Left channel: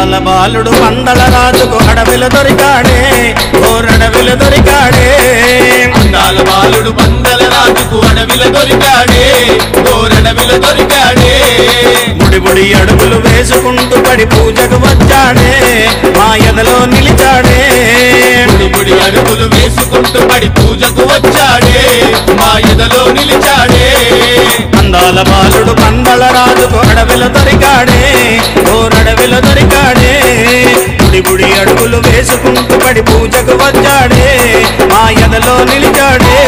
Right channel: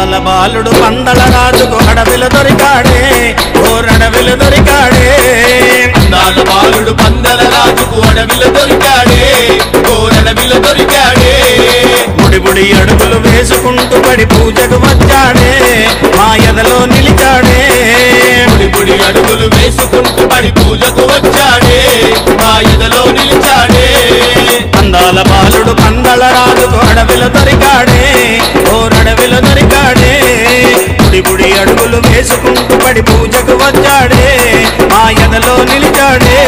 అందాల బాలుడు పందల రాజుకు అడవిలో దొరికాడే ఓరడవిలో దొరికాడే అందాల బాలుడు పందల రాజుకు అడవిలో దొరికాడే ఓరడవిలో దొరికాడే ముడి ముడి అడుగులు వేసుకుంటూ పడి పూజకు వచ్చాడే మా ఎదలో నిలిచాడే ముడి ముడి అడుగులు వేసుకుంటూ పడి పూజకు వచ్చాడే మా ఎదలో నిలిచాడే అందాల బాలుడు పందల రాజుకు అడవిలో దొరికాడే ఓరడవిలో దొరికాడే ముడి ముడి అడుగులు వేసుకుంటూ పడి పూజకు వచ్చాడే మా ఎదలో నిలిచాడే